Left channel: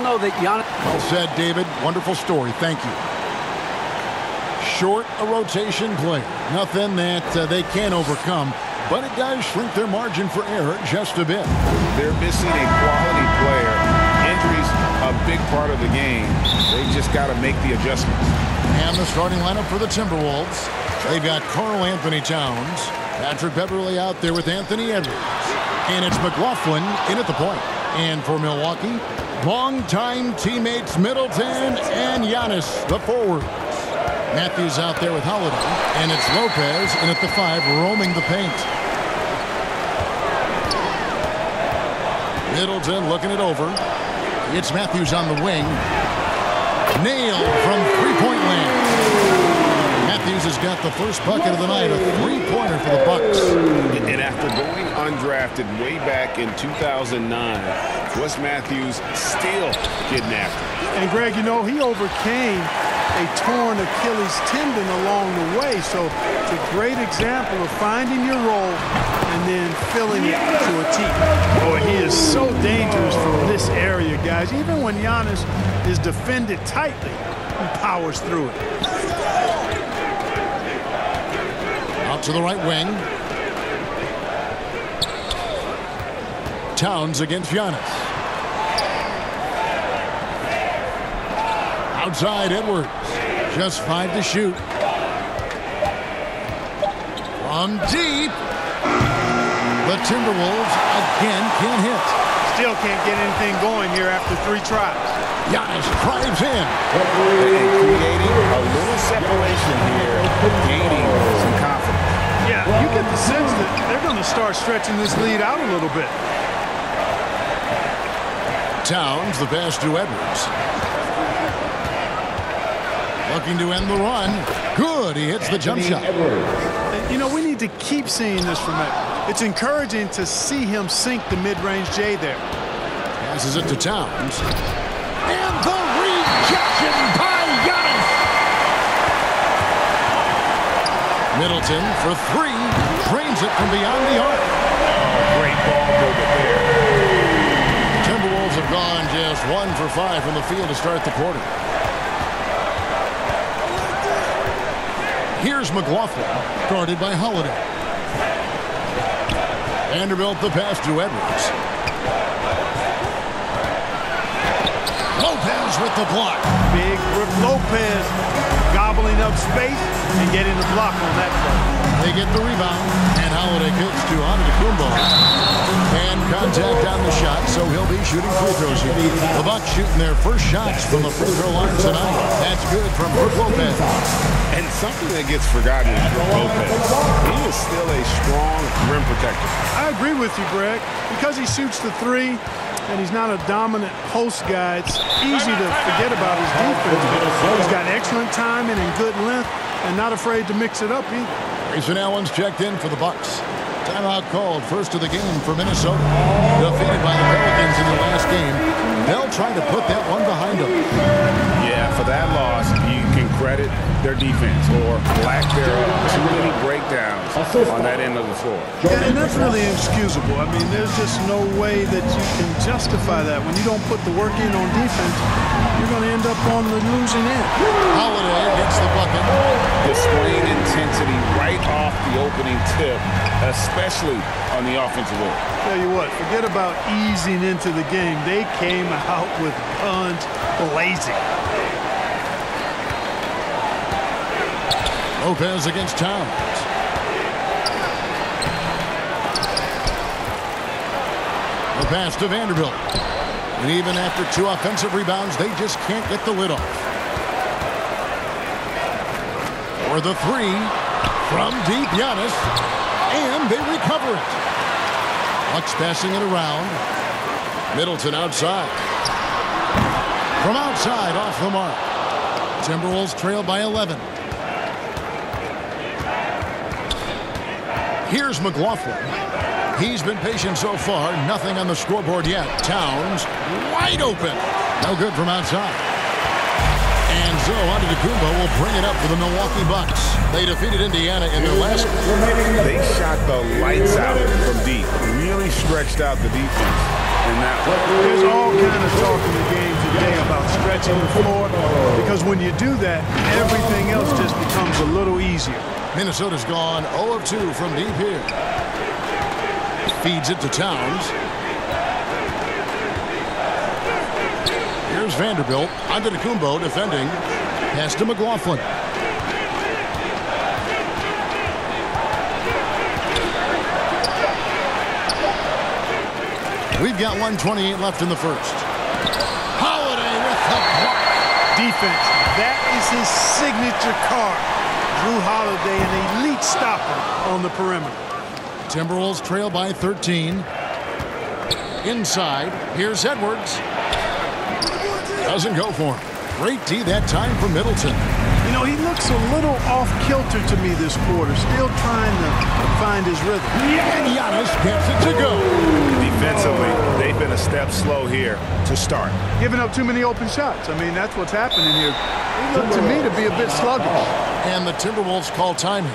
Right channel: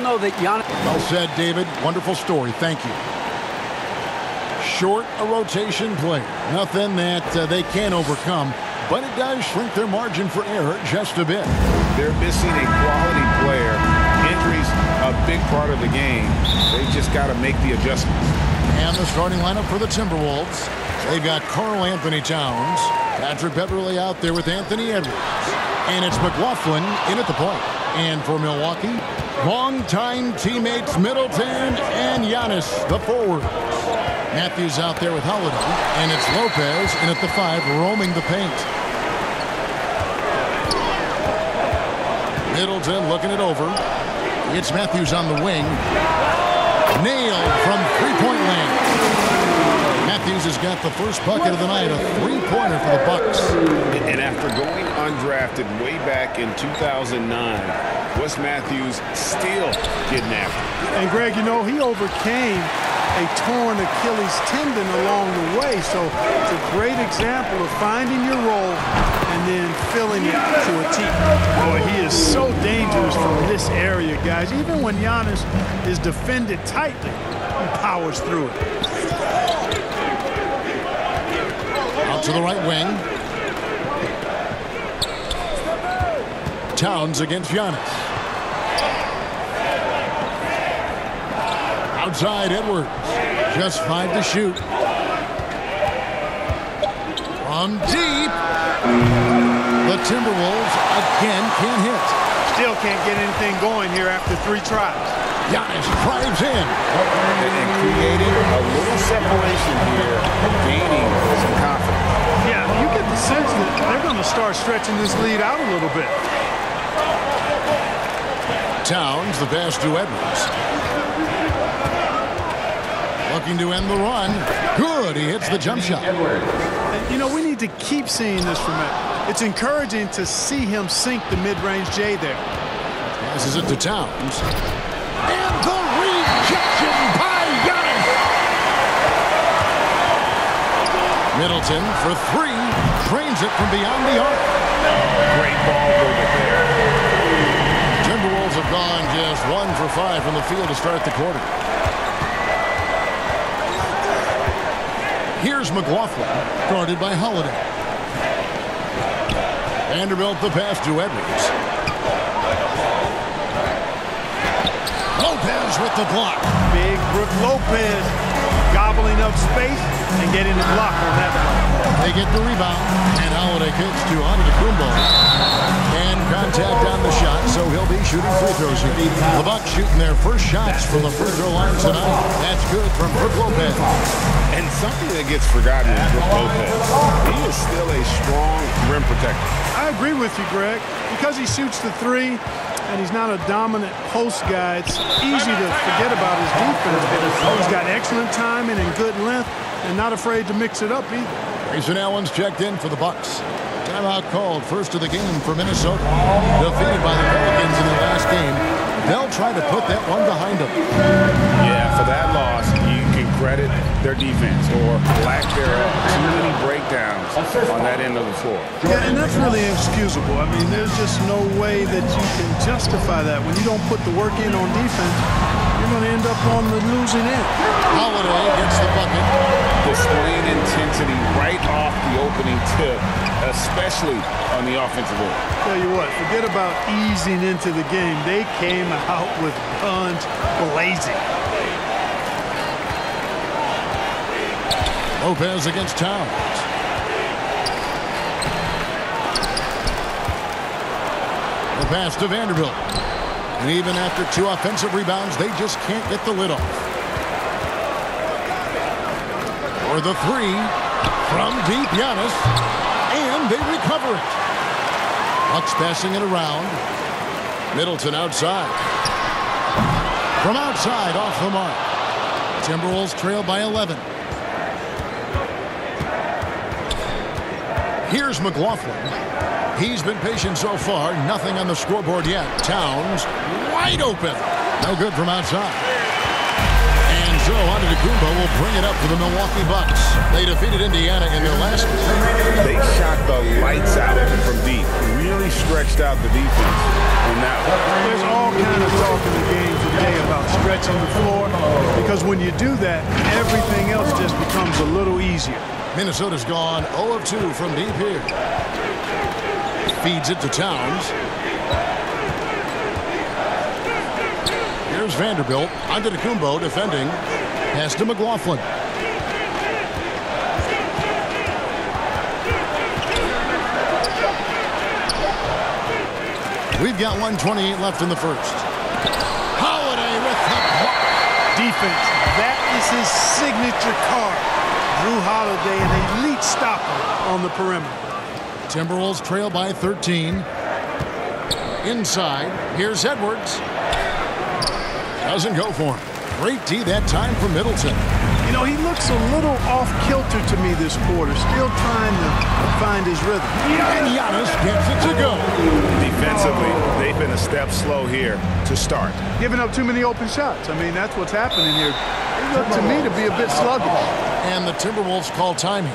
Know that Giannis. Well said, David. Wonderful story. Thank you. Short a rotation player. Nothing that they can't overcome, but it does shrink their margin for error just a bit. They're missing a quality player. Injuries a big part of the game. They just got to make the adjustments. And the starting lineup for the Timberwolves. They've got Karl Anthony Towns, Patrick Beverley out there with Anthony Edwards, and it's McLaughlin in at the point. And for Milwaukee, longtime teammates Middleton and Giannis, the forwards. Matthews out there with Holiday, and it's Lopez in at the 5, roaming the paint. Middleton looking it over. It's Matthews on the wing. Nailed from three-point land. Matthews has got the first bucket of the night, a three-pointer for the Bucks. And after going undrafted way back in 2009, Wes Matthews still getting after it. And Greg, you know, he overcame a torn Achilles tendon along the way, so it's a great example of finding your role and then filling it to a T. Boy, he is so dangerous from this area, guys. Even when Giannis is defended tightly, he powers through it. Out to the right wing. Towns against Giannis. Outside Edwards. Just 5 to shoot. From deep. The Timberwolves again can't hit. Still can't get anything going here after 3 tries. Giannis drives in. And creating a little separation here, gaining some confidence. Yeah, you get the sense that they're going to start stretching this lead out a little bit. Towns, the pass to Edwards. Looking to end the run. Good, he hits the jump shot. And, you know, we need to keep seeing this from Edwards. It's encouraging to see him sink the mid-range J there. Passes it to Towns. And the rejection by Giannis. Middleton for 3. Drains it from beyond the arc. Oh, great ball movement there. Timberwolves have gone just 1 for 5 from the field to start the quarter. Here's McLaughlin, guarded by Holiday. Vanderbilt the pass to Edwards. Lopez with the block. Big Brook Lopez gobbling up space and getting the block on that play. They get the rebound, and Holiday kicks to Antetokounmpo. And contact on the shot, so he'll be shooting free throws here. The Bucks shooting their first shots from the free throw line tonight. That's good from Brook Lopez. And something that gets forgotten is Brook Lopez. He is still a strong rim protector. I agree with you, Greg. Because he shoots the 3 and he's not a dominant post guy, it's easy to forget about his defense. But he's got excellent timing and good length and not afraid to mix it up either. Grayson Allen's checked in for the Bucks. Timeout called, first of the game for Minnesota. Defeated by the Pelicans in their last game. They'll try to put that one behind them. Yeah, for that loss, you can credit their defense or lack thereof. Too many breakdowns on that end of the floor. Yeah, and that's really inexcusable. I mean, there's just no way that you can justify that. When you don't put the work in on defense, you're going to end up on the losing end. Holiday gets the bucket. Displaying intensity right off the opening tip, especially on the offensive end. Tell you what, forget about easing into the game. They came out with guns blazing. Lopez against Towns. The pass to Vanderbilt. And even after 2 offensive rebounds, they just can't get the lid off. For the 3 from deep, Giannis. And they recover it. Bucks passing it around. Middleton outside. From outside, off the mark. Timberwolves trail by 11. Here's McLaughlin. He's been patient so far. Nothing on the scoreboard yet. Towns wide open. No good from outside. And so Antetokounmpo will bring it up for the Milwaukee Bucks. They defeated Indiana in their last game. They shot the lights out from deep. Really stretched out the defense. in that one. There's all kind of talk in the game today about stretching the floor, because when you do that, everything else just becomes a little easier. Minnesota's gone 0 of 2 from deep here. Feeds it to Towns. Here's Vanderbilt. Antetokounmpo defending. Pass to McLaughlin. We've got 1:28 left in the first. Holiday with the block. Defense. That is his signature card. Drew Holiday, an elite stopper on the perimeter. Timberwolves trail by 13. Inside. Here's Edwards. Doesn't go for him. Great D that time from Middleton. You know, he looks a little off-kilter to me this quarter, still trying to find his rhythm. And Giannis gets it to go. Defensively, they've been a step slow here to start. Giving up too many open shots. I mean, that's what's happening here. He looked to me to be a bit sluggish. And the Timberwolves call time here.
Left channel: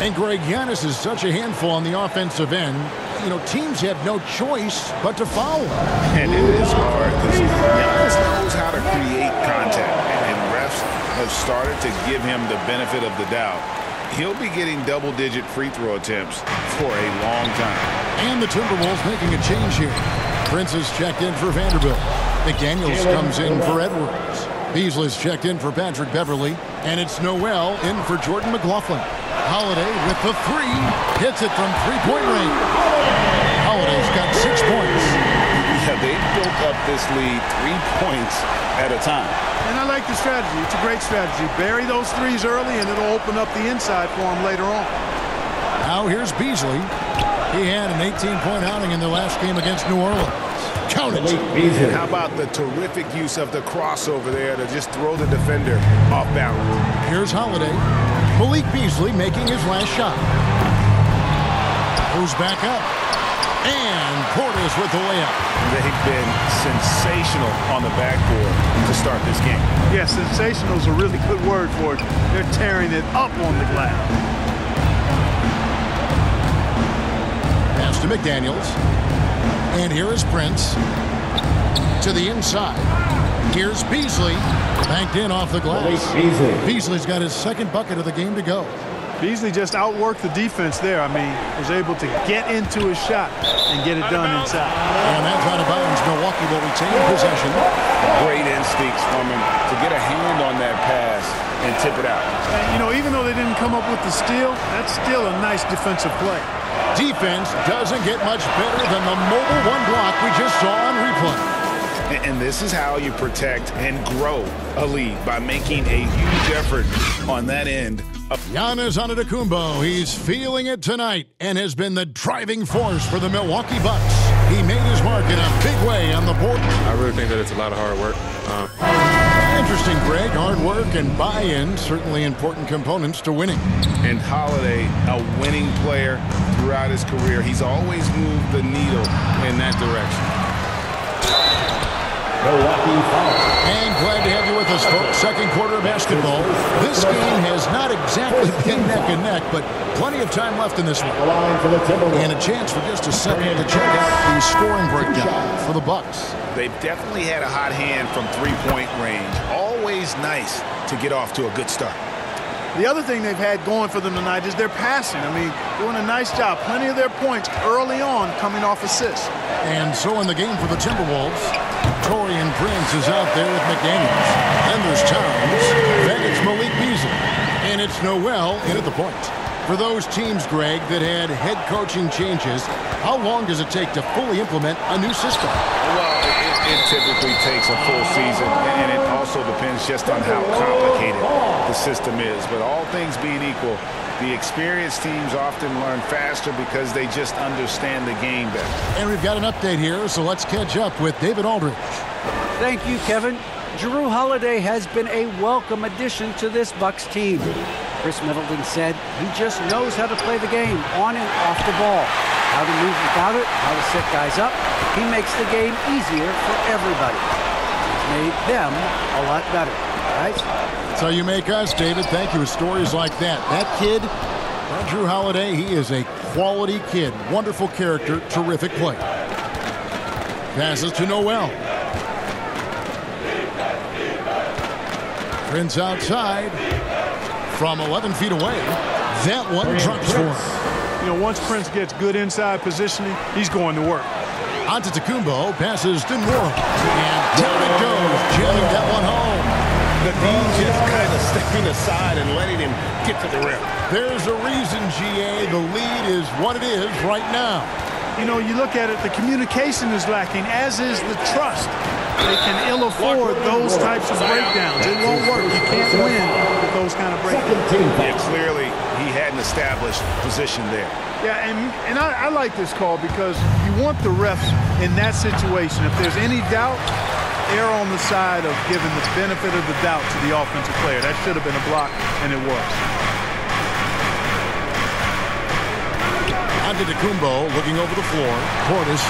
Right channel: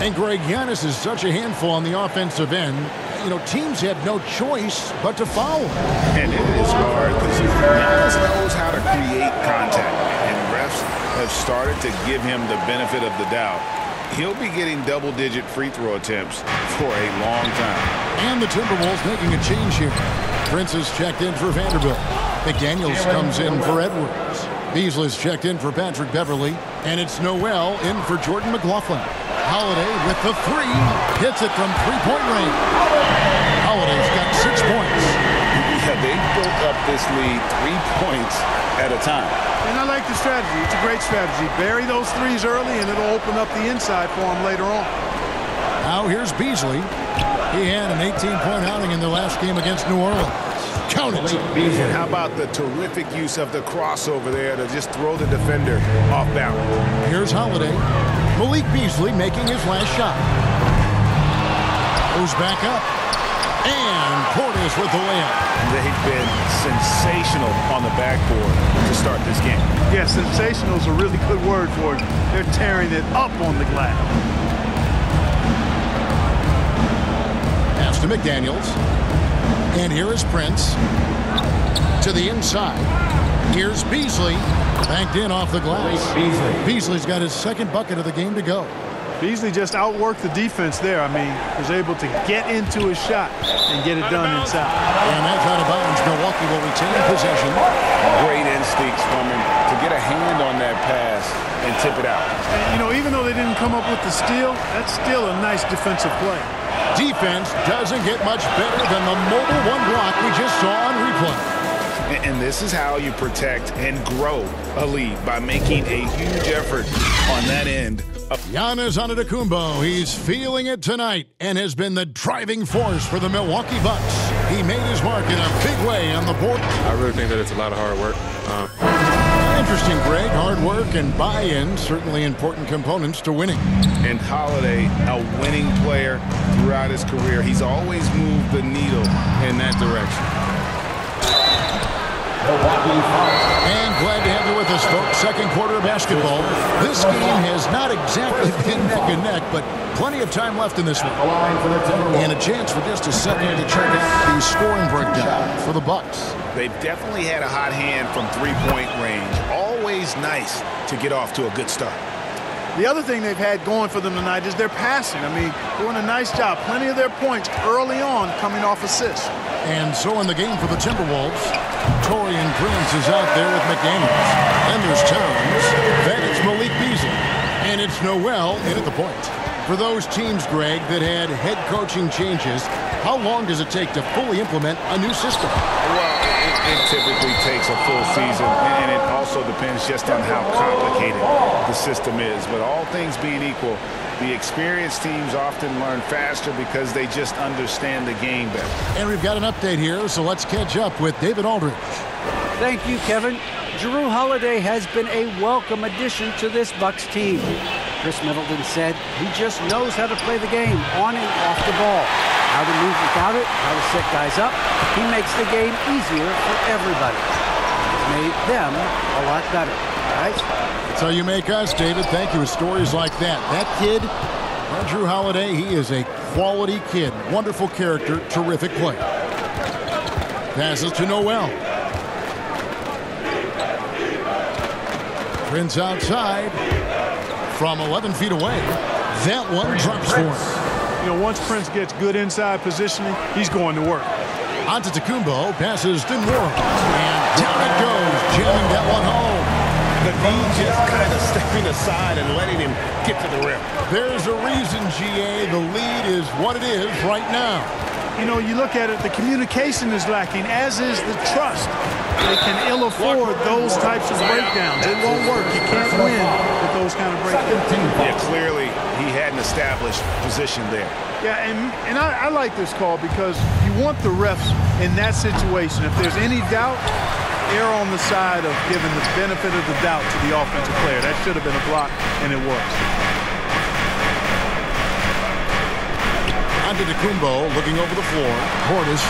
And Greg, Giannis is such a handful on the offensive end. You know, teams have no choice but to foul him. And it is hard because Giannis knows how to create contact. And refs have started to give him the benefit of the doubt. He'll be getting double-digit free throw attempts for a long time. And the Timberwolves making a change here. Prince is checked in for Vanderbilt. McDaniels comes in for Edwards. Beasley's checked in for Patrick Beverly. And it's Noel in for Jordan McLaughlin. Holiday with the three. Hits it from three-point range. Holiday's got 6 points. Yeah, they built up this lead 3 points at a time. And I like the strategy. It's a great strategy. Bury those threes early, and it'll open up the inside for him later on. Now here's Beasley. He had an 18-point outing in the last game against New Orleans. Count it. And how about the terrific use of the crossover there to just throw the defender off balance? Here's Holiday. Malik Beasley making his last shot. Goes back up. And Portis with the layup. They've been sensational on the backboard to start this game. Yeah, sensational is a really good word for it. They're tearing it up on the glass. Pass to McDaniels. And here is Prince. To the inside. Here's Beasley. Banked in off the glass. Beasley's got his second bucket of the game to go. Beasley just outworked the defense there. I mean, was able to get into his shot and get it done inside. And that's out of bounds. Milwaukee will retain possession. Great instincts from him to get a hand on that pass and tip it out. And, you know, even though they didn't come up with the steal, that's still a nice defensive play. Defense doesn't get much better than the mobile one block we just saw on replay. And this is how you protect and grow a lead, by making a huge effort on that end. Giannis Antetokounmpo, he's feeling it tonight and has been the driving force for the Milwaukee Bucks. He made his mark in a big way on the board. I really think that it's a lot of hard work. Interesting, Greg. Hard work and buy-in, certainly important components to winning. And Holiday, a winning player throughout his career. He's always moved the needle in that direction. And glad to have you with us, folks. Second quarter of basketball. This game has not exactly been neck and neck, but plenty of time left in this one. And a chance for just a second to check out the scoring breakdown for the Bucks. They've definitely had a hot hand from three-point range. Always nice to get off to a good start. The other thing they've had going for them tonight is their passing. I mean, doing a nice job. Plenty of their points early on coming off assists. And so in the game for the Timberwolves, Torian Prince is out there with McDaniels. Then there's Towns. Then it's Malik Beasley. And it's Noel in at the point. For those teams, Greg, that had head coaching changes, how long does it take to fully implement a new system? Well, it typically takes a full season, and it also depends just on how complicated the system is. But all things being equal, the experienced teams often learn faster because they just understand the game better. And we've got an update here, so let's catch up with David Aldridge. Thank you, Kevin. Jrue Holiday has been a welcome addition to this Bucks team. Chris Middleton said he just knows how to play the game on and off the ball, how to move without it, how to set guys up. He makes the game easier for everybody. He's made them a lot better. Guys? That's how you make us, David. Thank you. With stories like that. That kid, that Jrue Holiday, he is a quality kid. Wonderful character, terrific player. Passes to Noel. Prince outside from 11 feet away. That one drops for him. You know, once Prince gets good inside positioning, he's going to work. Antetokounmpo passes to Moore. And down it goes, jamming that one home. The D just kind of stepping aside and letting him get to the rim. There's a reason, GA. The lead is what it is right now. You know, you look at it, the communication is lacking, as is the trust. They can ill afford those types of breakdowns. It won't work. You can't win with those kind of breakdowns. Yeah, clearly he had an established position there. Yeah, and I like this call because you want the refs in that situation. If there's any doubt, err on the side of giving the benefit of the doubt to the offensive player. That should have been a block, and it was. Antetokounmpo looking over the floor. Portis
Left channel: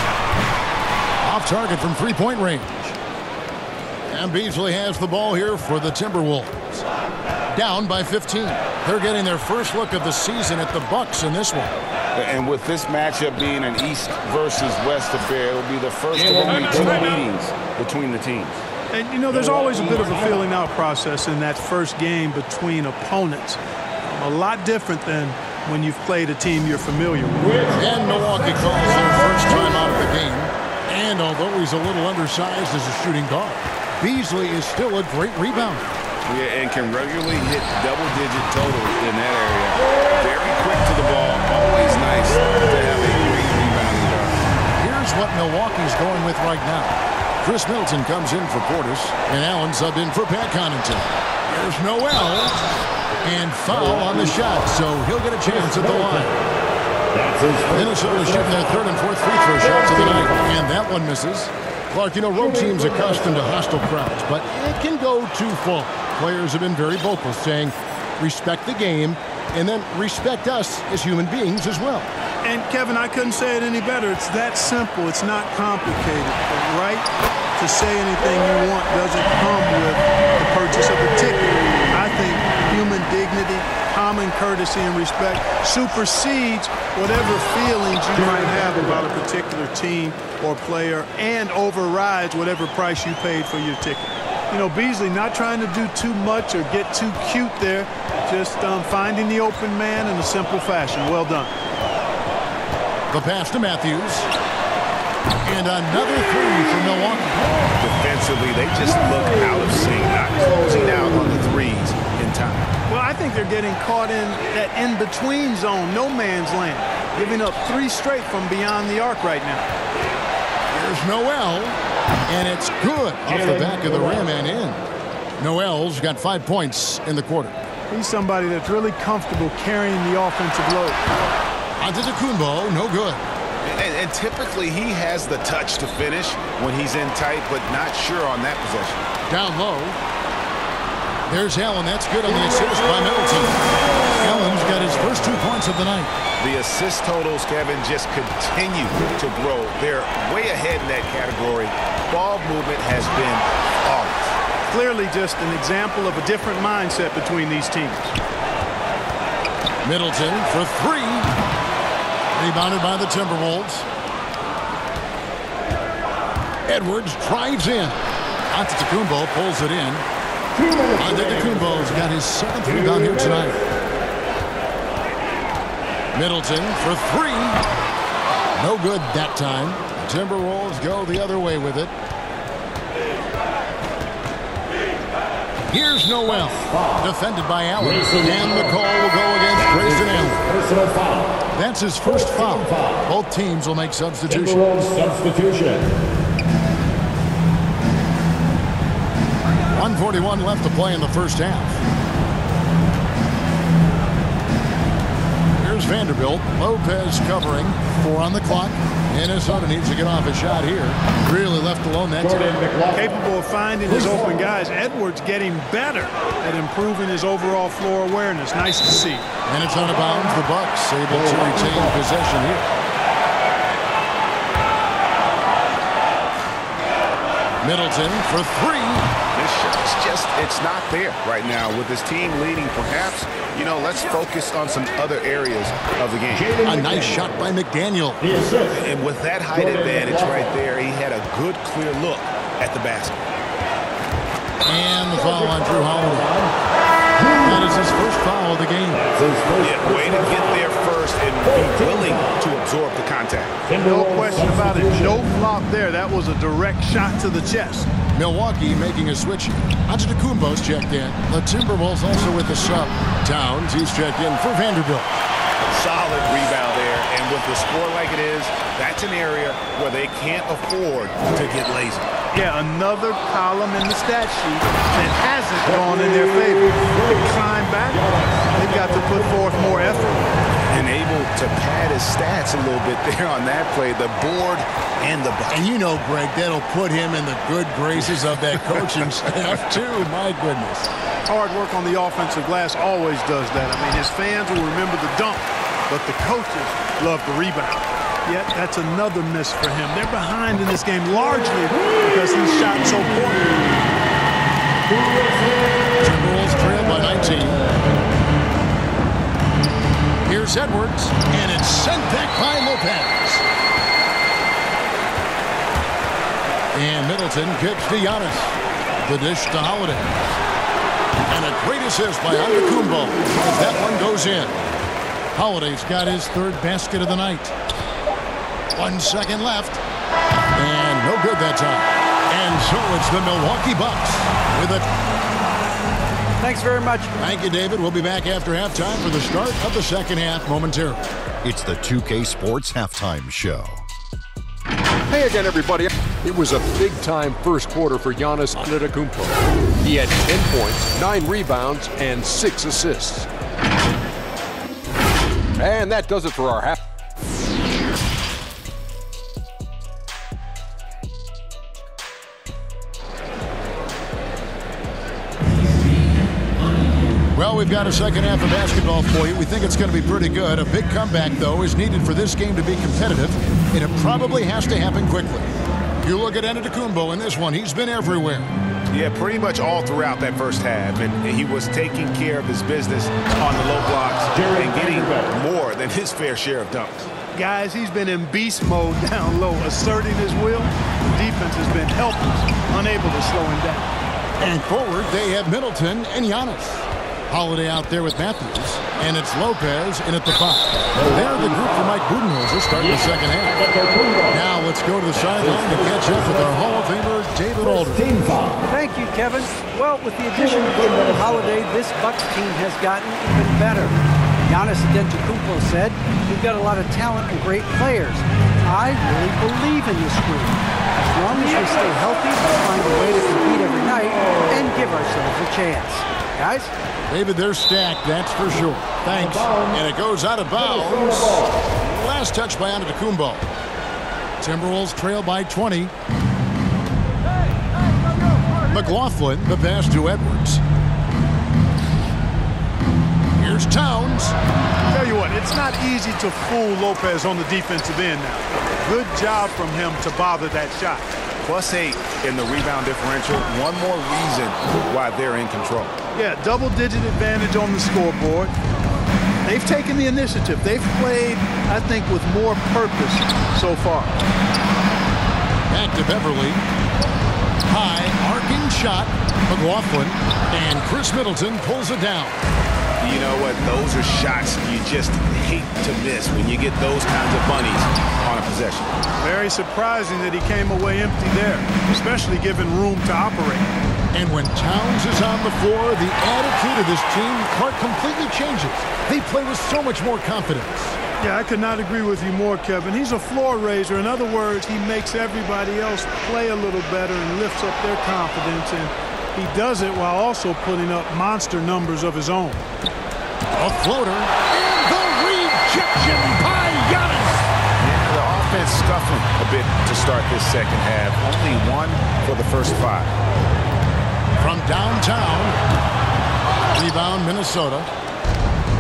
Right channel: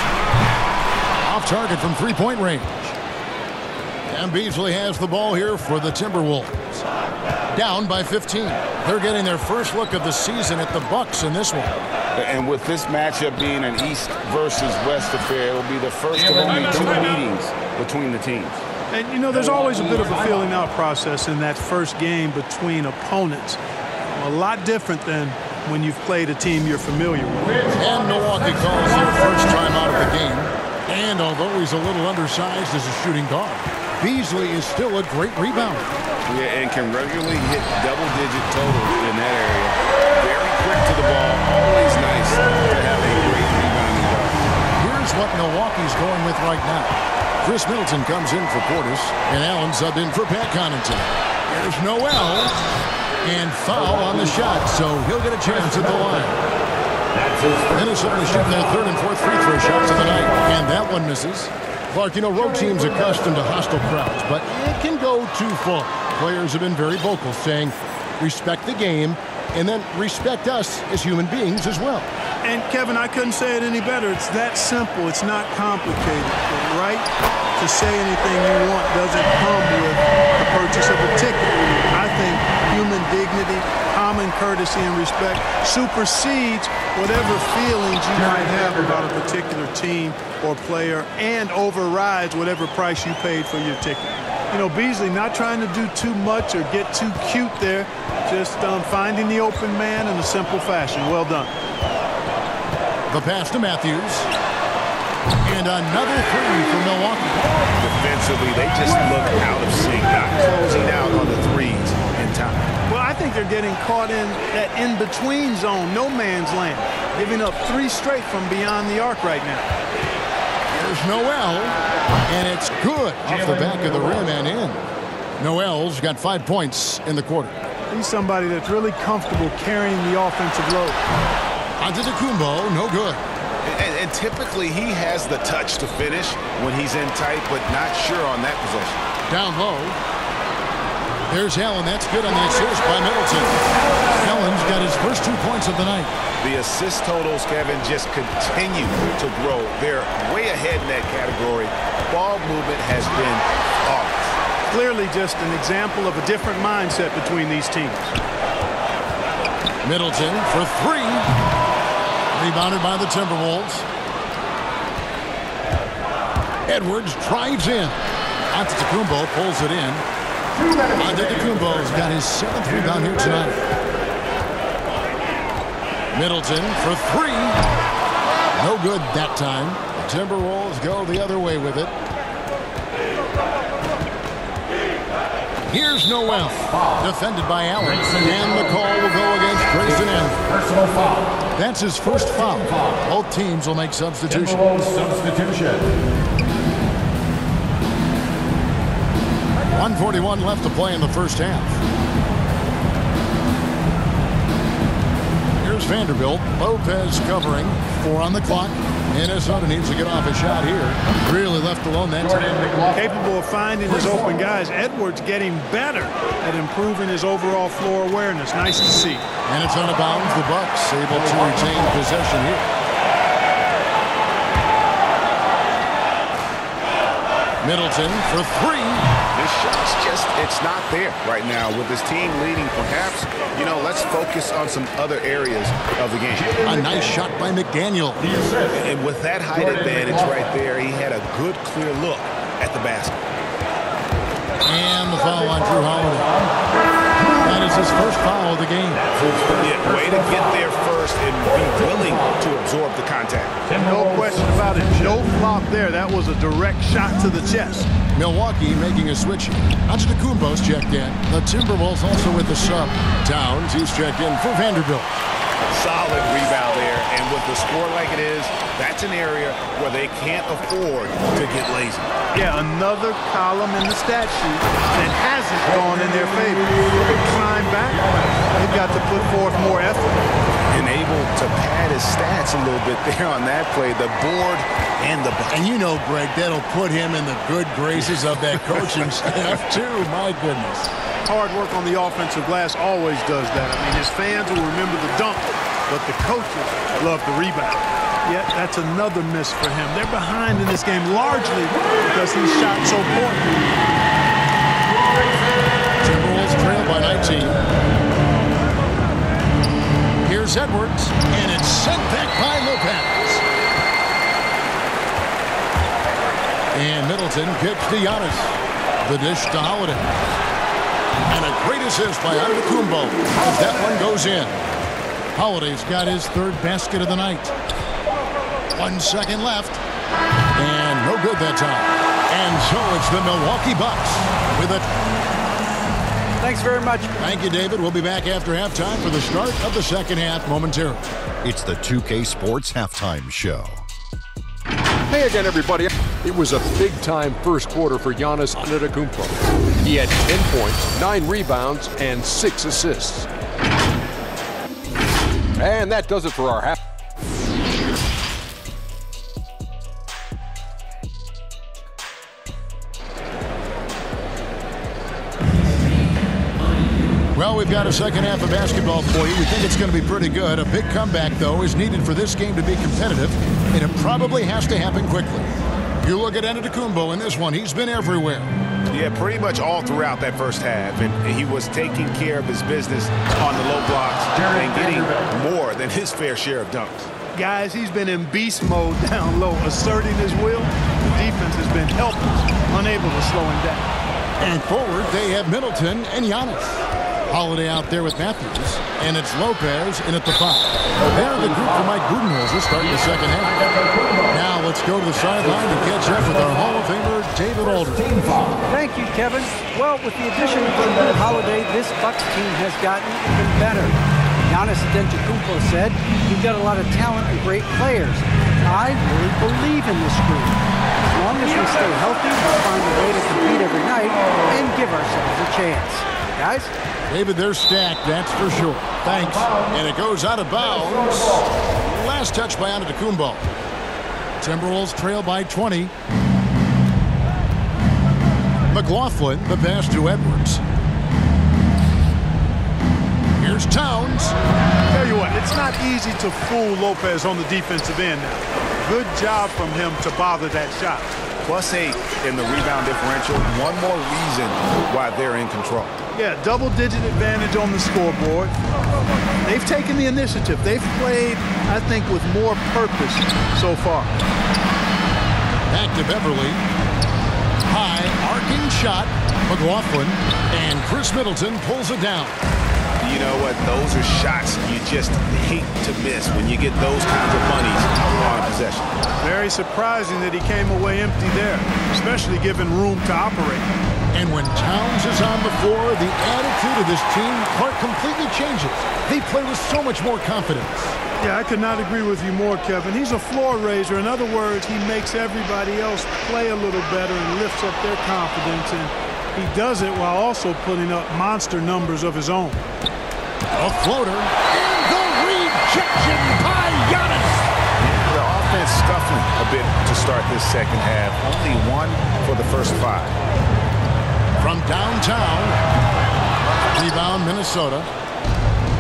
off target from three-point range. And Beasley has the ball here for the Timberwolves. Down by 15. They're getting their first look of the season at the Bucks in this one. And with this matchup being an East versus West affair, it'll be the first of only 2 meetings between the teams. And, you know, there's always a bit of a feeling out process in that first game between opponents. A lot different than when you've played a team you're familiar with. And Milwaukee calls their first time out of the game. And although he's a little undersized as a shooting guard, Beasley is still a great rebounder. Yeah, and can regularly hit double-digit totals in that area. Very quick to the ball. Always nice to have a great rebounding guard. Here's what Milwaukee's going with right now. Chris Middleton comes in for Portis, and Allen subbed in for Pat Connaughton. Here's Noel, and foul on the shot, so he'll get a chance at the line. Minnesota shooting their third and fourth free throw shots of the night, and that one misses. Clark, you know, road teams accustomed to hostile crowds, but it can go too far. Players have been very vocal, saying, respect the game, and then respect us as human beings as well. And, Kevin, I couldn't say it any better. It's that simple. It's not complicated. The right to say anything you want doesn't come with the purchase of a ticket. I think human dignity, common courtesy, and respect supersedes whatever feelings you might have about a particular team or player and overrides whatever price you paid for your ticket. You know, Beasley not trying to do too much or get too cute there, just finding the open man in a simple fashion. Well done. The pass to Matthews. And another three for Milwaukee. Defensively, they just look out of sync, not closing out on the threes in time. Well, I think they're getting caught in that in-between zone, no man's land, giving up 3 straight from beyond the arc right now. Here's Noel, and it's good off the back of the rim and in. Noel's got 5 points in the quarter. He's somebody that's really comfortable carrying the offensive load. Antetokounmpo, no good. And typically he has the touch to finish when he's in tight, but not sure on that possession. Down low. There's Allen. That's good on the assist by Middleton. Allen's got his first 2 points of the night. The assist totals, Kevin, just continue to grow. They're way ahead in that category. Ball movement has been flawless. Clearly just an example of a different mindset between these teams. Middleton for 3. Rebounded by the Timberwolves. Edwards drives in. Antetokounmpo pulls it in. Antetokounmpo's got his 7th rebound here tonight. Middleton for 3. No good that time. The Timberwolves go the other way with it. Here's Noel, defended by Allen, and the call will go against Grayson Allen. Personal foul. That's his first foul. Both teams will make substitutions. Substitution. 1:41 left to play in the first half. Here's Vanderbilt. Lopez covering. 4 on the clock. Minnesota needs to get off a shot here. Really left alone that time. Capable of finding his open guys. Edwards getting better at improving his overall floor awareness. Nice to see. And it's out of bounds. The Bucks able to retain possession here. Middleton for 3. shot's it's not there right now. With his team leading, perhaps, let's focus on some other areas of the game. A nice shot by McDaniel. And with that height advantage right there, he had a good, clear look at the basket. And the foul on Drew Holiday. That is his first foul of the game. Yeah, way to get there first and be willing to absorb the contact. No question about it. No flop there. That was a direct shot to the chest. Milwaukee making a switch here. Antetokounmpo's checked in. The Timberwolves also with the sub. Towns, he's checked in for Vanderbilt. Solid rebound there, and with the score like it is, that's an area where they can't afford to get lazy. Yeah, another column in the stat sheet that hasn't gone in their favor. To climb back, they've got to put forth more effort. And able to pad his stats a little bit there on that play, the board and the bucket. And Greg, that'll put him in the good graces of that coaching staff, too. My goodness. Hard work on the offensive glass always does that. I mean, his fans will remember the dunk, but the coaches love the rebound. Yet that's another miss for him. They're behind in this game largely because he's shot so poorly. Timberwolves trail by 19. Here's Edwards, and it's sent back by Lopez. And Middleton kicks to Giannis. The dish to Holiday. And a great assist by Antetokounmpo as that one goes in. Holiday's got his third basket of the night. 1 second left. And no good that time. And so it's the Milwaukee Bucks with it. Thanks very much. Thank you, David. We'll be back after halftime for the start of the second half momentarily. It's the 2K Sports Halftime Show. Hey again, everybody. It was a big-time first quarter for Giannis Antetokounmpo. He had 10 points, 9 rebounds, and 6 assists. And that does it for our half. Well, we've got a second half of basketball for you. We think it's going to be pretty good. A big comeback, though, is needed for this game to be competitive, and it probably has to happen quickly. You look at Antetokounmpo in this one. He's been everywhere. Yeah, pretty much all throughout that first half, and he was taking care of his business on the low blocks and getting more than his fair share of dunks. Guys, he's been in beast mode down low, asserting his will. The defense has been helpless, unable to slow him down. And forward, they have Middleton and Giannis. Holiday out there with Matthews, and it's Lopez in at the 5. They're the group for Mike Budenholzer starting the second half. Now let's go to the sideline to catch up with our Hall of Famer, David Aldridge. Thank you, Kevin. Well, with the addition of Drew Holiday, this Bucks team has gotten even better. Giannis Antetokounmpo said, "We've got a lot of talent and great players. I really believe in this group. As long as we stay healthy, we'll find a way to compete every night and give ourselves a chance." Guys? David, they're stacked, that's for sure. Thanks. And it goes out of bounds. Last touch by Antetokounmpo. Timberwolves trail by 20. McLaughlin, the pass to Edwards. Here's Towns. Tell you what, it's not easy to fool Lopez on the defensive end now. Good job from him to bother that shot. +8 in the rebound differential. One more reason why they're in control. Yeah, double-digit advantage on the scoreboard. They've taken the initiative. They've played, I think, with more purpose so far. Back to Beverly. High, arcing shot. McLaughlin. And Chris Middleton pulls it down. You know what? Those are shots you just hate to miss when you get those kinds of bunnies on a possession. Very surprising that he came away empty there, especially given room to operate. And when Towns is on the floor, the attitude of this team completely changes. They play with so much more confidence. Yeah, I could not agree with you more, Kevin. He's a floor raiser. In other words, he makes everybody else play a little better and lifts up their confidence. And he does it while also putting up monster numbers of his own. A floater. And the rejection by Giannis. Yeah, the offense scuffling a bit to start this second half. Only 1 for the first 5. From downtown, rebound Minnesota.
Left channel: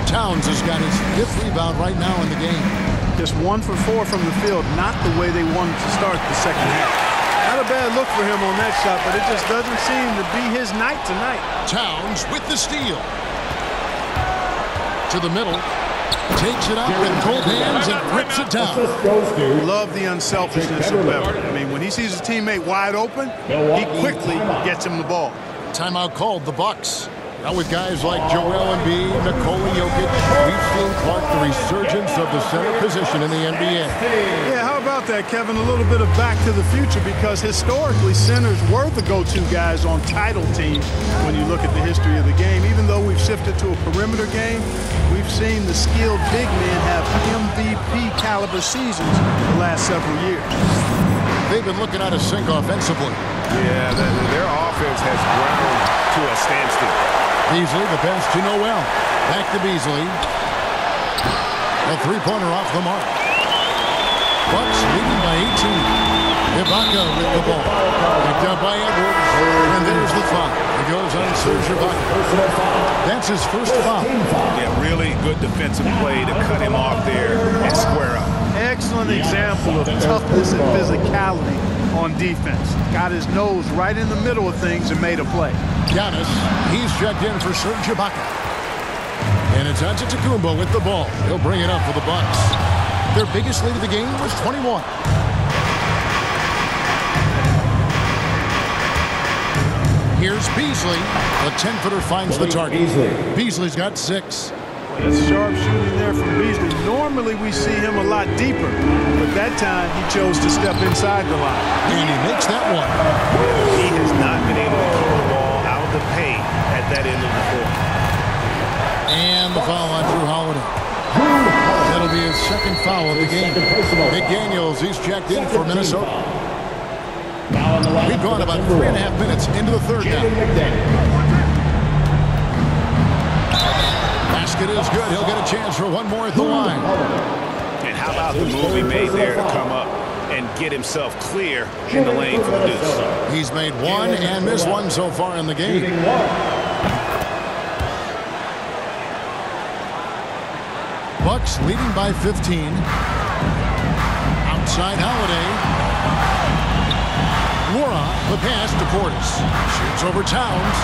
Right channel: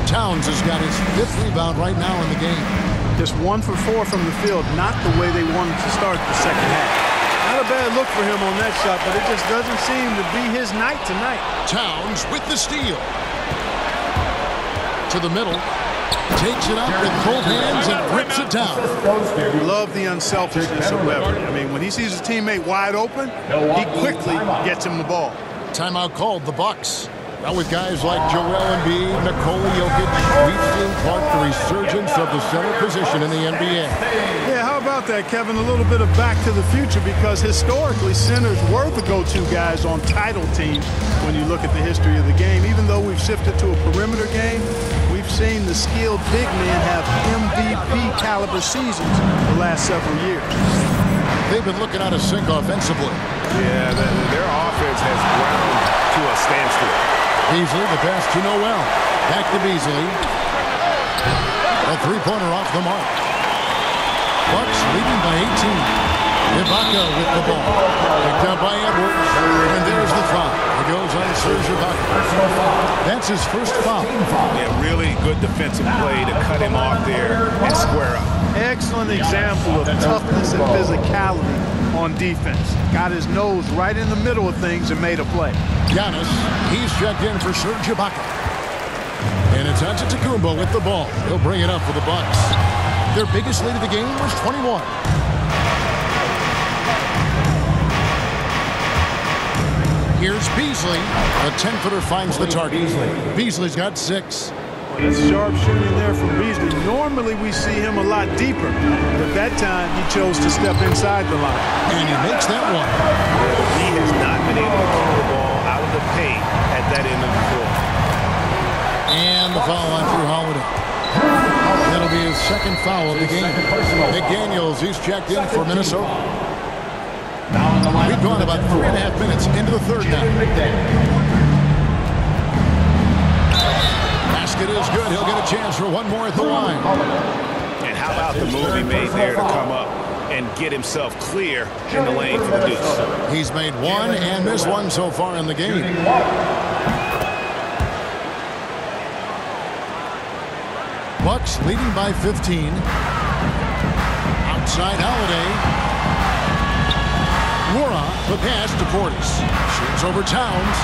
Towns has got his 5th rebound right now in the game. Just 1 for 4 from the field, not the way they wanted to start the second half. Now Not a bad look for him on that shot, but it just doesn't seem to be his night tonight. Towns with the steal. To the middle. Takes it up with both hands and rips it down. Love the unselfishness of Beverly. I mean, when he sees his teammate wide open, he quickly gets him the ball. Timeout called, the Bucks. Now with guys like Joel Embiid, Nikola Jokic, we've seen, Clark, the resurgence of the center position in the NBA. Yeah, how about that, Kevin? A little bit of back to the future, because historically centers were the go-to guys on title teams when you look at the history of the game. Even though we've shifted to a perimeter game, we've seen the skilled big men have MVP caliber seasons the last several years. They've been looking out of sync offensively. Yeah, their offense has ground to a standstill. Beasley, the pass to Noel. Back to Beasley. A three-pointer off the mark. Bucks leading by 18. Ibaka with the ball. Picked up by Edwards. And there's the foul. It goes on Serge Ibaka. That's his first foul. Yeah, really good defensive play to cut him off there and square up. Excellent example of toughness and physicality on defense. Got his nose right in the middle of things and made a play. Giannis, he's checked in for Serge Ibaka. And it's Antetokounmpo with the ball. He'll bring it up for the Bucks. Their biggest lead of the game was 21. Here's Beasley. The 10-footer finds the target. Beasley's got 6. Well, that's sharp shooting there from Beasley. Normally we see him a lot deeper, but that time he chose to step inside the line. And he makes that one. Yeah, he has not been able to keep the ball out of the paint at that end of the floor. And the foul on Drew Holiday. That'll be his second foul of the game. McDaniels, he's checked in for Minnesota. We've gone about 3.5 minutes into the third now. Basket is good. He'll get a chance for one more at the line. And how about the move he made there to come up and get himself clear in the lane for the deuce? He's made one and missed one so far in the game. Bucks leading by 15. Outside Holiday. Laura, the pass to Portis. Shoots over Towns.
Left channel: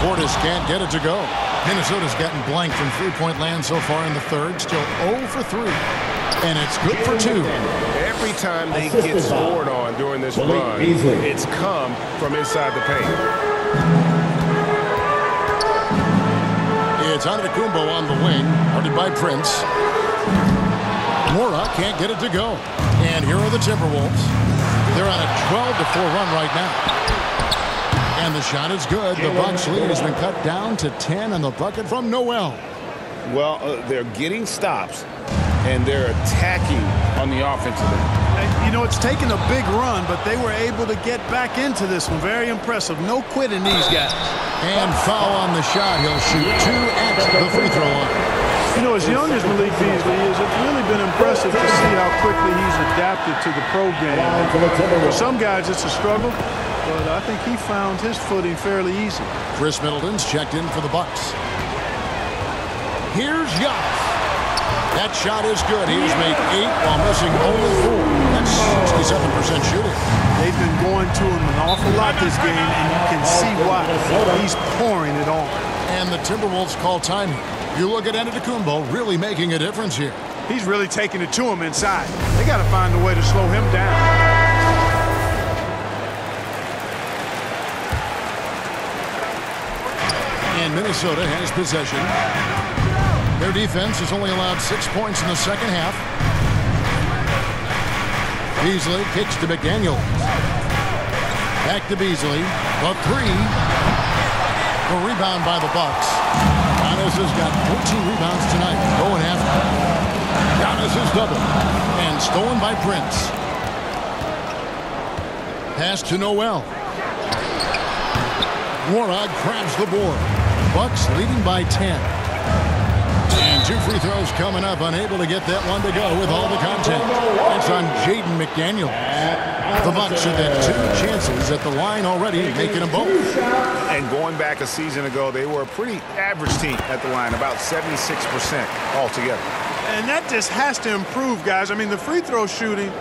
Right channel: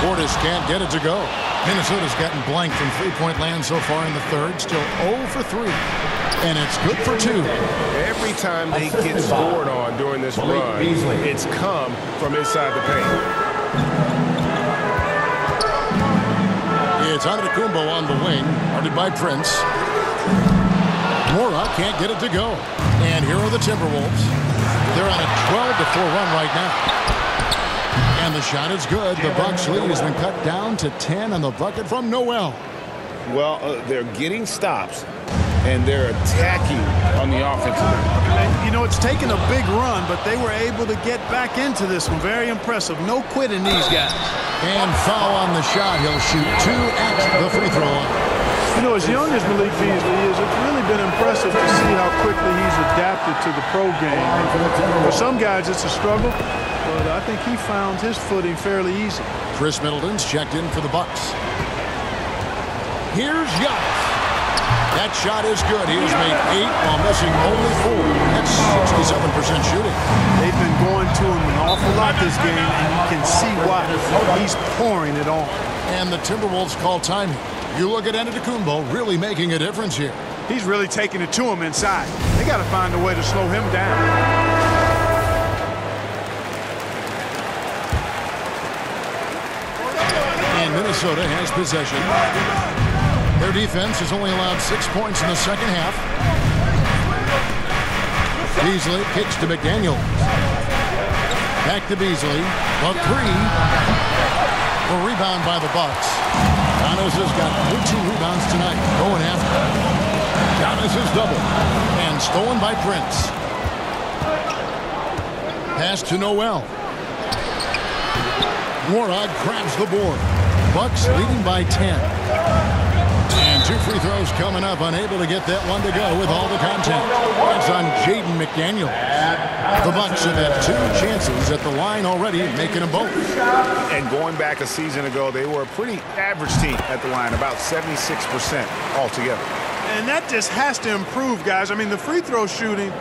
Portis can't get it to go. Minnesota's gotten blank from three-point land so far in the third. Still 0 for 3. And it's good for 2. Every time they get scored on during this run, it's come from inside the paint. It's Antetokounmpo on the wing, guarded by Prince. Laura can't get it to go. And here are the Timberwolves. They're on a 12-4 run right now. And the shot is good. The Bucks lead has been cut down to 10 on the bucket from Noel. Well, they're getting stops, and they're attacking on the offensive end. You know, it's taken a big run, but they were able to get back into this one. Very impressive. No quitting these guys. And foul on the shot. He'll shoot 2 at the free throw line. You know, as young as Malik Beasley is, it's really been impressive to see how quickly he's adapted to the pro game. For some guys, it's a struggle, but I think he found his footing fairly easy. Chris Middleton's checked in for the Bucks. Here's Giannis. That shot is good. He has made 8 while missing only 4. That's 67% shooting. They've been going to him an awful lot this game, and you can see why. He's pouring it on. And the Timberwolves call timing. You look at Antetokounmpo really making a difference here. He's really taking it to him inside. They got to find a way to slow him down. And Minnesota has possession. Their defense has only allowed 6 points in the second half. Beasley kicks to McDaniels. Back to Beasley. The 3. The rebound by the Bucks. Giannis has got 14 rebounds tonight. Going after. Giannis is double. And stolen by Prince. Pass to Noel. Warnock grabs the board. Bucks leading by 10. And 2 free throws coming up. Unable to get that one to go with all the contact. That's on Jaden McDaniels. The Bucks have had 2 chances at the line already, making them both. And going back a season ago, they were a pretty average team at the line, about 76% altogether. And that just has to improve, guys. I mean, the free throw shooting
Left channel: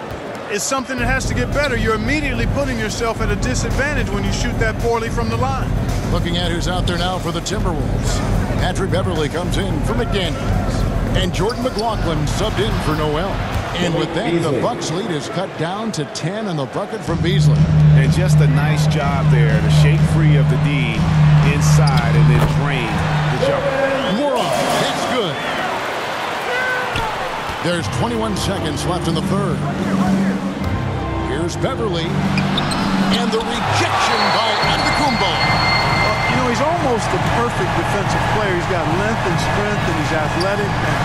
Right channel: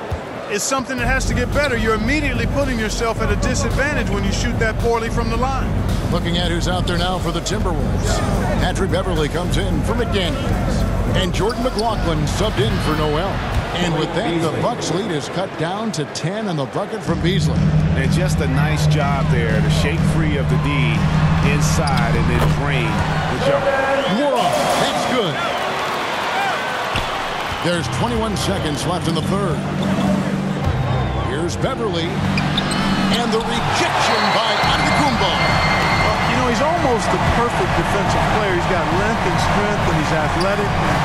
is something that has to get better. You're immediately putting yourself at a disadvantage when you shoot that poorly from the line. Looking at who's out there now for the Timberwolves. Patrick Beverley comes in for McDaniels. And Jordan McLaughlin subbed in for Noel. And with that, the Bucks lead is cut down to 10 on the bucket from Beasley. And just a nice job there to shake free of the D inside and then drain the jumper. More off. That's good. There's 21 seconds left in the third. Here's Beverley. And the rejection by Antetokounmpo. You know, he's almost the perfect defensive player. He's got length and strength, and he's athletic. And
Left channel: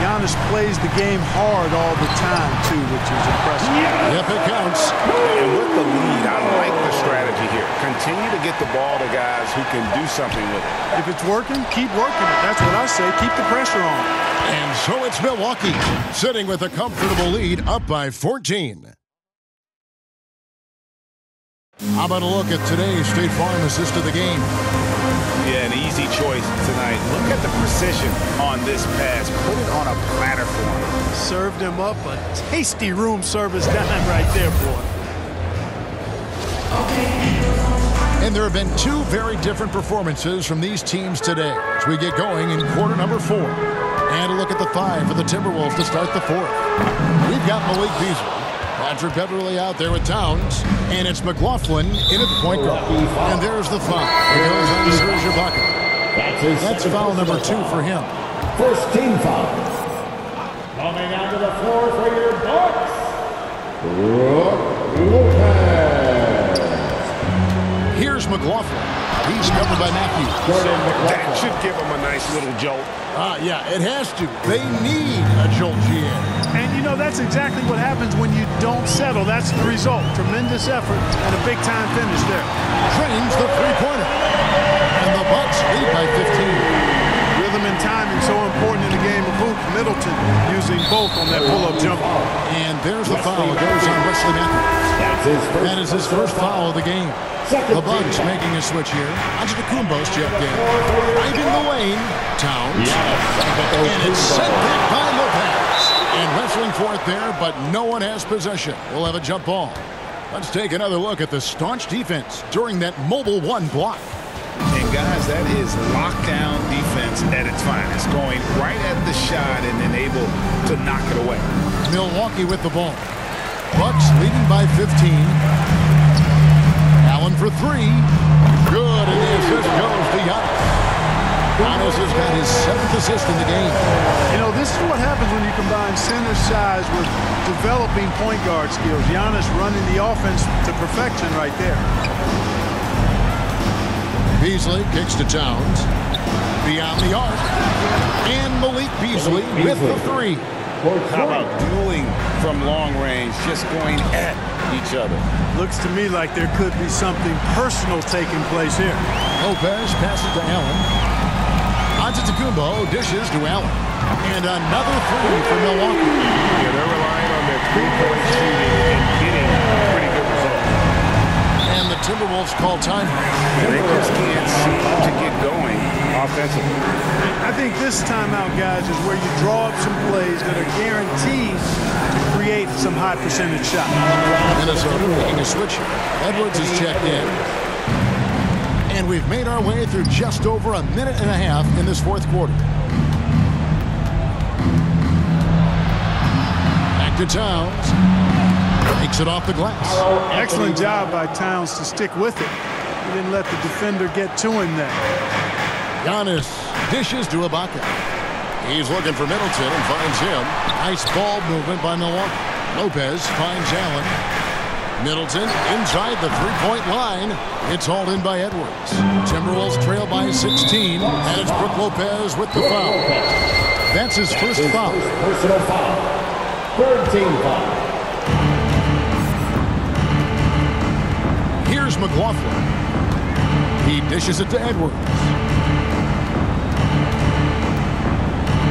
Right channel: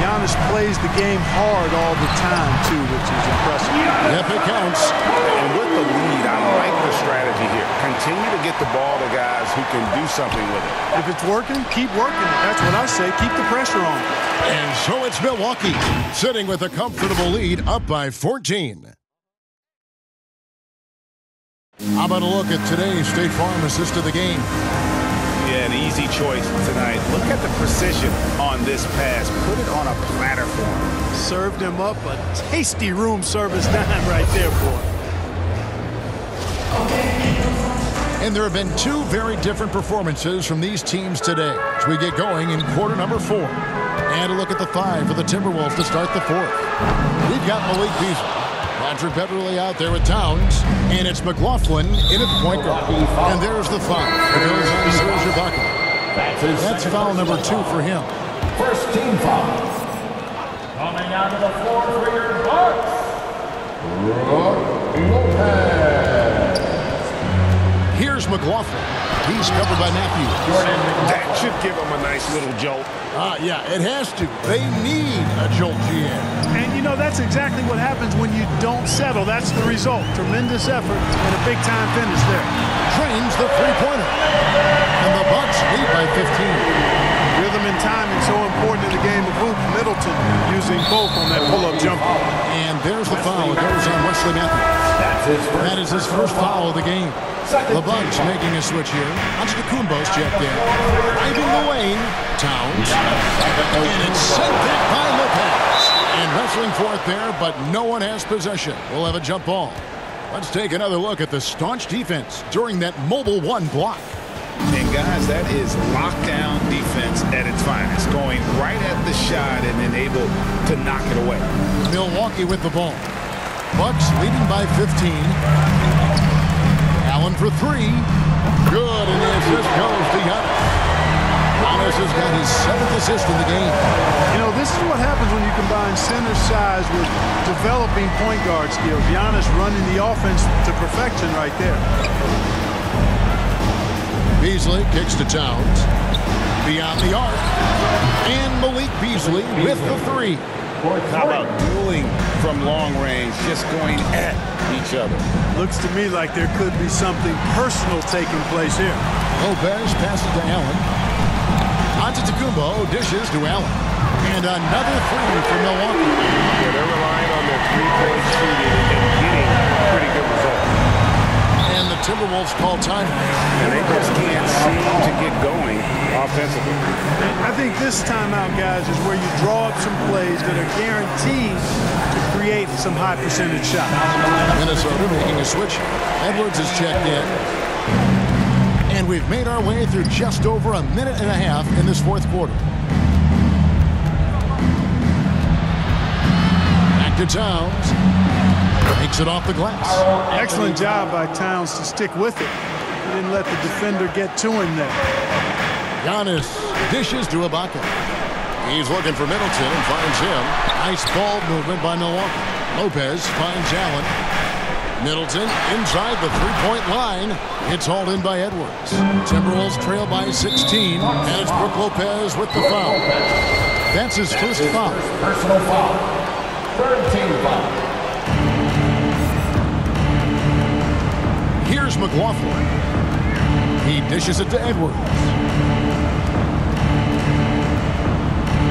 Giannis plays the game hard all the time, too, which is impressive. Yep, it counts. And with the lead, I like the strategy here. Continue to get the ball to guys who can do something with it. If it's working, keep working it. That's what I say. Keep the pressure on. And so it's Milwaukee, sitting with a comfortable lead, up by 14. How about a look at today's State Farm assist of the game? Yeah, an easy choice tonight. Look at the precision on this pass. Put it on a platter for him. Served him up a tasty room service dime right there, boy. And there have been two very different performances from these teams today as we get going in quarter number 4. And a look at the 5 for the Timberwolves to start the 4th. We've got Malik Beasley. Patrick Beverley out there with Towns, and it's McLaughlin in at the point guard. And there's the foul. It goes on Serge Ibaka. That's foul number 2 for him. First team foul. Coming onto the floor for your Bucks, Lopez. Here's McLaughlin. He's covered by Matthews. That should give him a nice little jolt. Yeah, it has to. They need a jolt, GA. And, you know, that's exactly what happens when you don't settle. That's the result. Tremendous effort and a big-time finish there. Drains the three-pointer. And the Bucks lead by 15. Rhythm and timing so important in the game of hoops. Middleton using both on that pull-up jumper. And there's the foul. It goes on Wesley Matthews. That is his first foul of the game. The Bucks making a switch here. Antetokounmpo's checked in. Driving the lane. Towns. And it's sent back by Lopez. And wrestling for it there, but no one has possession. We'll have a jump ball. Let's take another look at the staunch defense during that mobile 1 block. And guys, that is lockdown defense at its finest. Going right at the shot and then able to knock it away. Milwaukee with the ball. Bucks leading by 15. Allen for 3. Good, and the assist goes to Giannis. Giannis has got his 7th assist in the game. You know, this is what happens when you combine center size with developing point guard skills. Giannis running the offense to perfection right there. Beasley kicks to Towns. Beyond the arc. And Malik Beasley with the 3. How about dueling from long range, just going at each other? Looks to me like there could be something personal taking place here. Lopez passes to Allen. Antetokounmpo dishes to Allen. And another 3 for Milwaukee. Yeah, they're relying on their three-point shooting and getting pretty good results. And the Timberwolves call time. And they just can't seem to get going offensively. I think this timeout, guys, is where you draw up some plays that are guaranteed to create some high percentage shots. Minnesota making a switch. Edwards is checked in. And we've made our way through just over a minute and a half in this 4th quarter. Back to Towns. Makes it off the glass. Excellent job by Towns to stick with it. He didn't let the defender get to him there. Giannis dishes to Ibaka. He's looking for Middleton and finds him. Nice ball movement by Milwaukee. Lopez finds Allen. Middleton inside the three-point line. It's hauled in by Edwards. Timberwolves trail by 16. And it's Brook Lopez with the foul. That's his first foul. Personal foul. 3rd team foul. Here's McLaughlin. He dishes it to Edwards.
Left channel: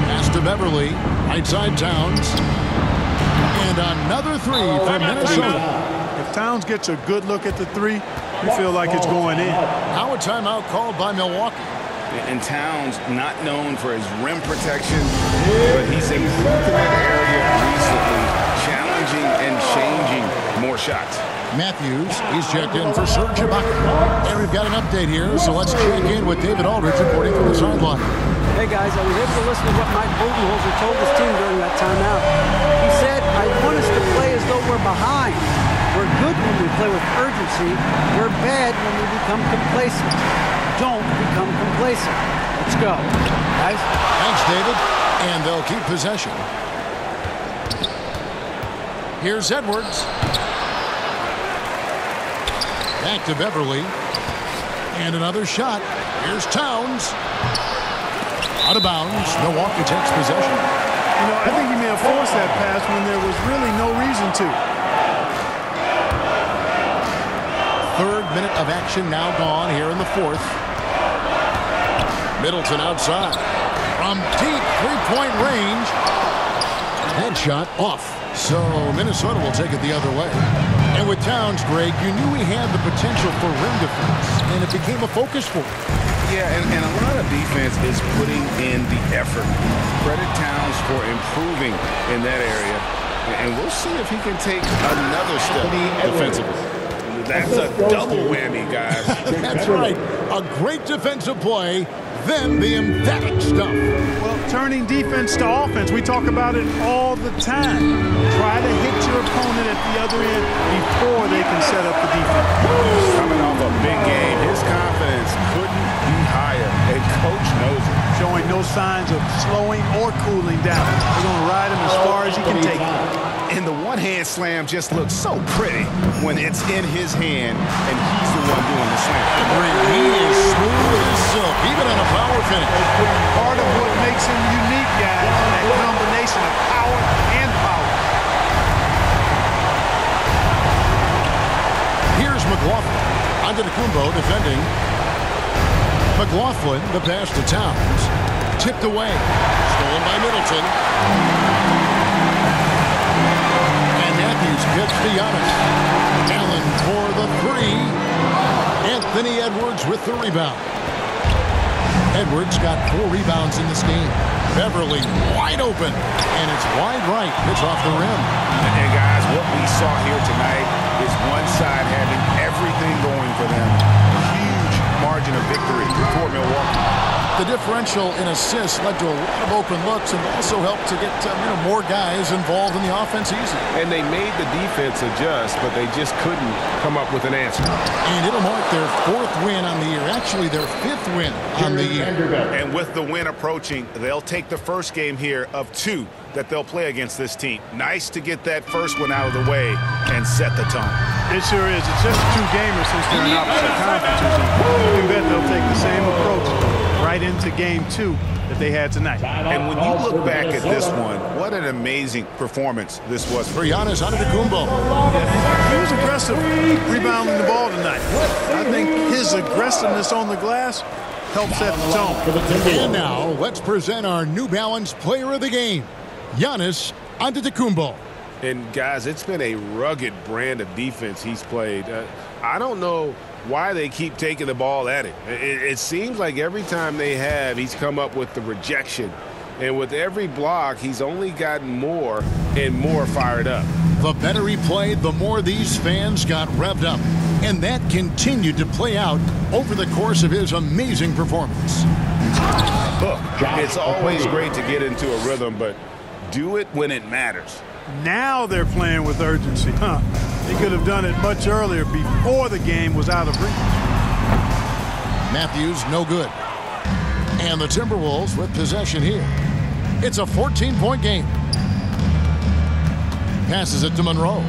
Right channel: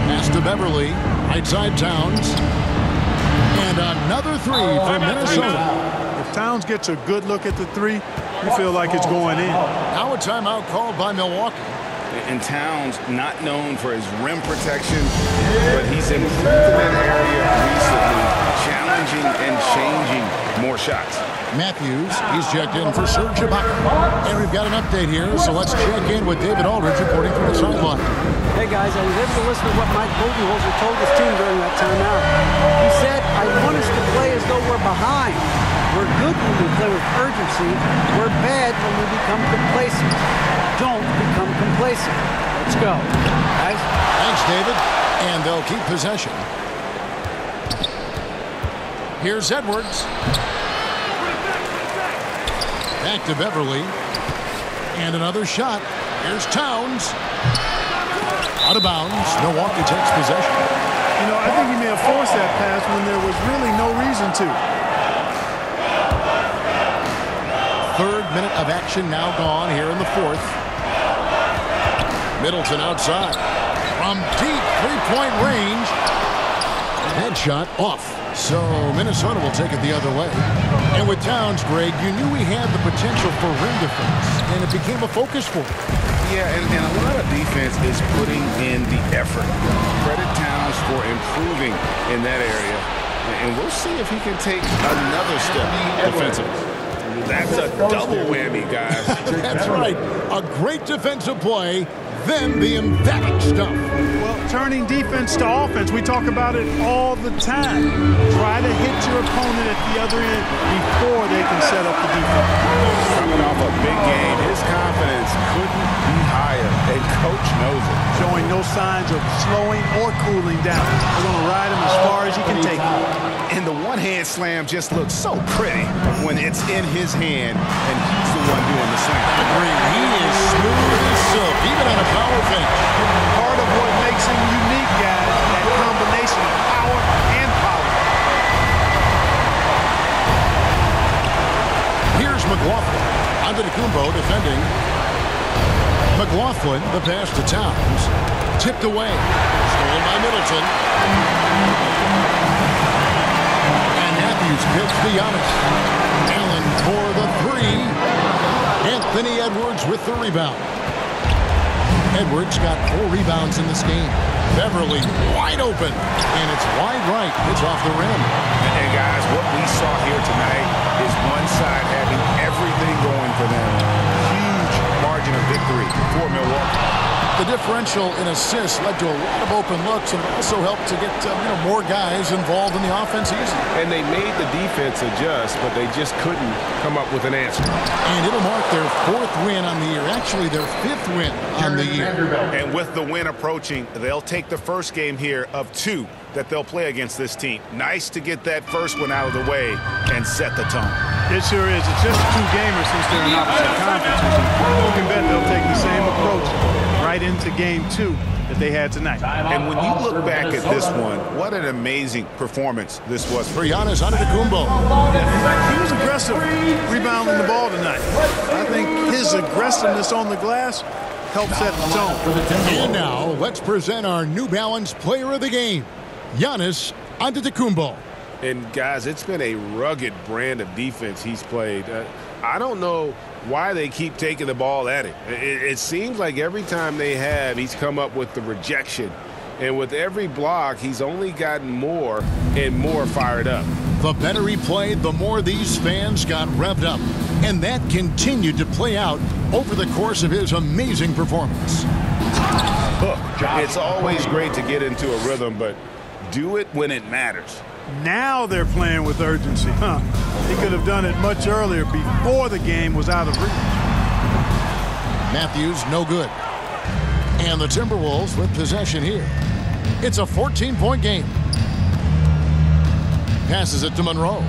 Pass to Beverley. Right side Towns. And another 3 for Minnesota. If Towns gets a good look at the 3, you feel like it's going in. Now a timeout called by Milwaukee. And Towns, not known for his rim protection, but he's improved in that area recently. Challenge challenging and changing more shots. Matthews, he's checked in for Serge Ibaka. And we've got an update here, so let's check in with David Aldridge reporting from the sideline. Hey guys, I was able to listen to what Mike Budenholzer told his team during that timeout. He said, I want us to play as though we're behind. We're good when we play with urgency. We're bad when we become complacent. Don't become complacent. Let's go, guys. Thanks, David. And they'll keep possession. Here's Edwards. Back to Beverly. And another shot. Here's Towns. Out of bounds. Milwaukee takes possession. You know, I think he may have forced that pass when there was really no reason to. Third minute of action now gone here in the fourth. Middleton outside. From deep three-point range. Headshot off. So Minnesota will take it the other way. And with Towns, Greg, you knew he had the potential for rim defense, and it became a focus for him. Yeah, and a lot of defense is putting in the effort. Credit Towns for improving in that area. And we'll see if he can take another step defensively. That's a double whammy, guys. That's right. A great defensive play, then the emphatic stuff. Well, turning defense to offense, we talk about it all the time. Try to hit your opponent at the other end before they can set up the defense. Coming off a big game, his confidence couldn't be higher, and coach knows it. Showing no signs of slowing or cooling down. They're going to ride him as far as he can take it. And the one-hand slam just looks so pretty when it's in his hand, and he's the one doing the slam. Agreed. He is smooth as silk, even on a power finish. Part of what makes him unique, guys, that combination of power and polish. Here's McLaughlin. Antetokounmpo defending. McLaughlin, the pass to Towns. Tipped away. Stolen by Middleton. And Matthews gets to Giannis. Allen for the three. Anthony Edwards with the rebound. Edwards got 4 rebounds in this game. Beverly wide open. And it's wide right. It's off the rim. And guys, what we saw here tonight is one side having everything going for them. Huge margin of victory for Milwaukee. The differential in assists led to a lot of open looks and also helped to get more guys involved in the offense easy. And they made the defense adjust, but they just couldn't come up with an answer. And it'll mark their 4th win on the year. Actually, their 5th win on the year. And with the win approaching, they'll take the first game here of 2 that they'll play against this team. Nice to get that first one out of the way and set the tone. It sure is. It's just 2 gamers since they're in opposite conferences. And you can bet they'll take the same approach right into game 2 that they had tonight. And when you look back at this one, what an amazing performance this was for Giannis Antetokounmpo. Yeah, he was aggressive rebounding the ball tonight. I think his aggressiveness on the glass helped set the tone. And now let's present our New Balance player of the game, Giannis Antetokounmpo. And guys, it's been a rugged brand of defense he's played. I don't know why they keep taking the ball at him. It seems like every time they have, he's come up with the rejection. And with every block, he's only gotten more and more fired up. The better he played, the more these fans got revved up. And that continued to play out over the course of his amazing performance. Look, it's always great to get into a rhythm, but do it when it matters. Now they're playing with urgency. He could have done it much earlier before the game was out of reach. Matthews, no good. And the Timberwolves with possession here. It's a 14-point game. Passes it to Monroe.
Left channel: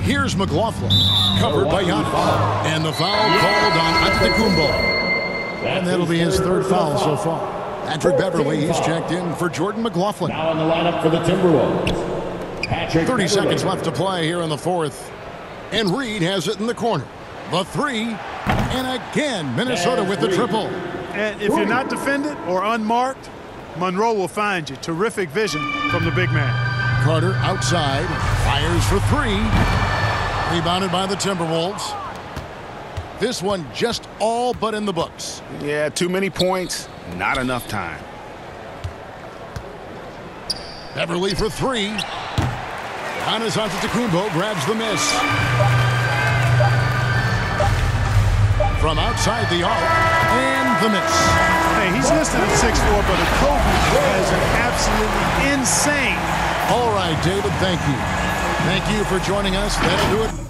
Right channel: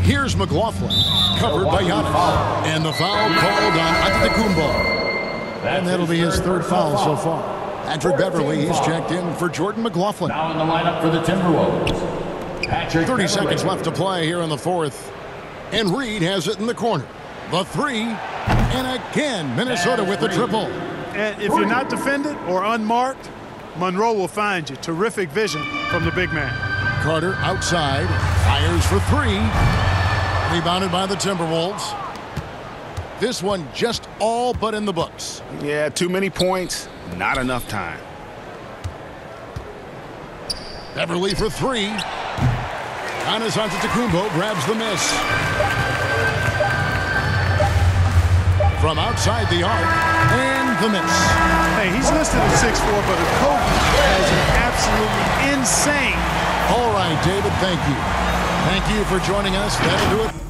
Here's McLaughlin, covered by Giannis. And the foul called on Antetokounmpo. And that'll be his 3rd foul so far. Patrick Beverly, he's checked in for Jordan McLaughlin. Now in the lineup for the Timberwolves, Patrick 30 Beverly. seconds left to play here in the 4th. And Reed has it in the corner. The 3. And again, Minnesota with the triple. And if you're not defended or unmarked, Monroe will find you. Terrific vision from the big man. Carter outside, fires for 3. Rebounded by the Timberwolves. This one just all but in the books. Yeah, too many points, not enough time. Beverly for three. Giannis Antetokounmpo grabs the miss. From outside the arc, and the miss. Hey, he's listed at 6'4", but Kobe has an absolutely insane. All right, David, thank you. Thank you for joining us. That'll do it.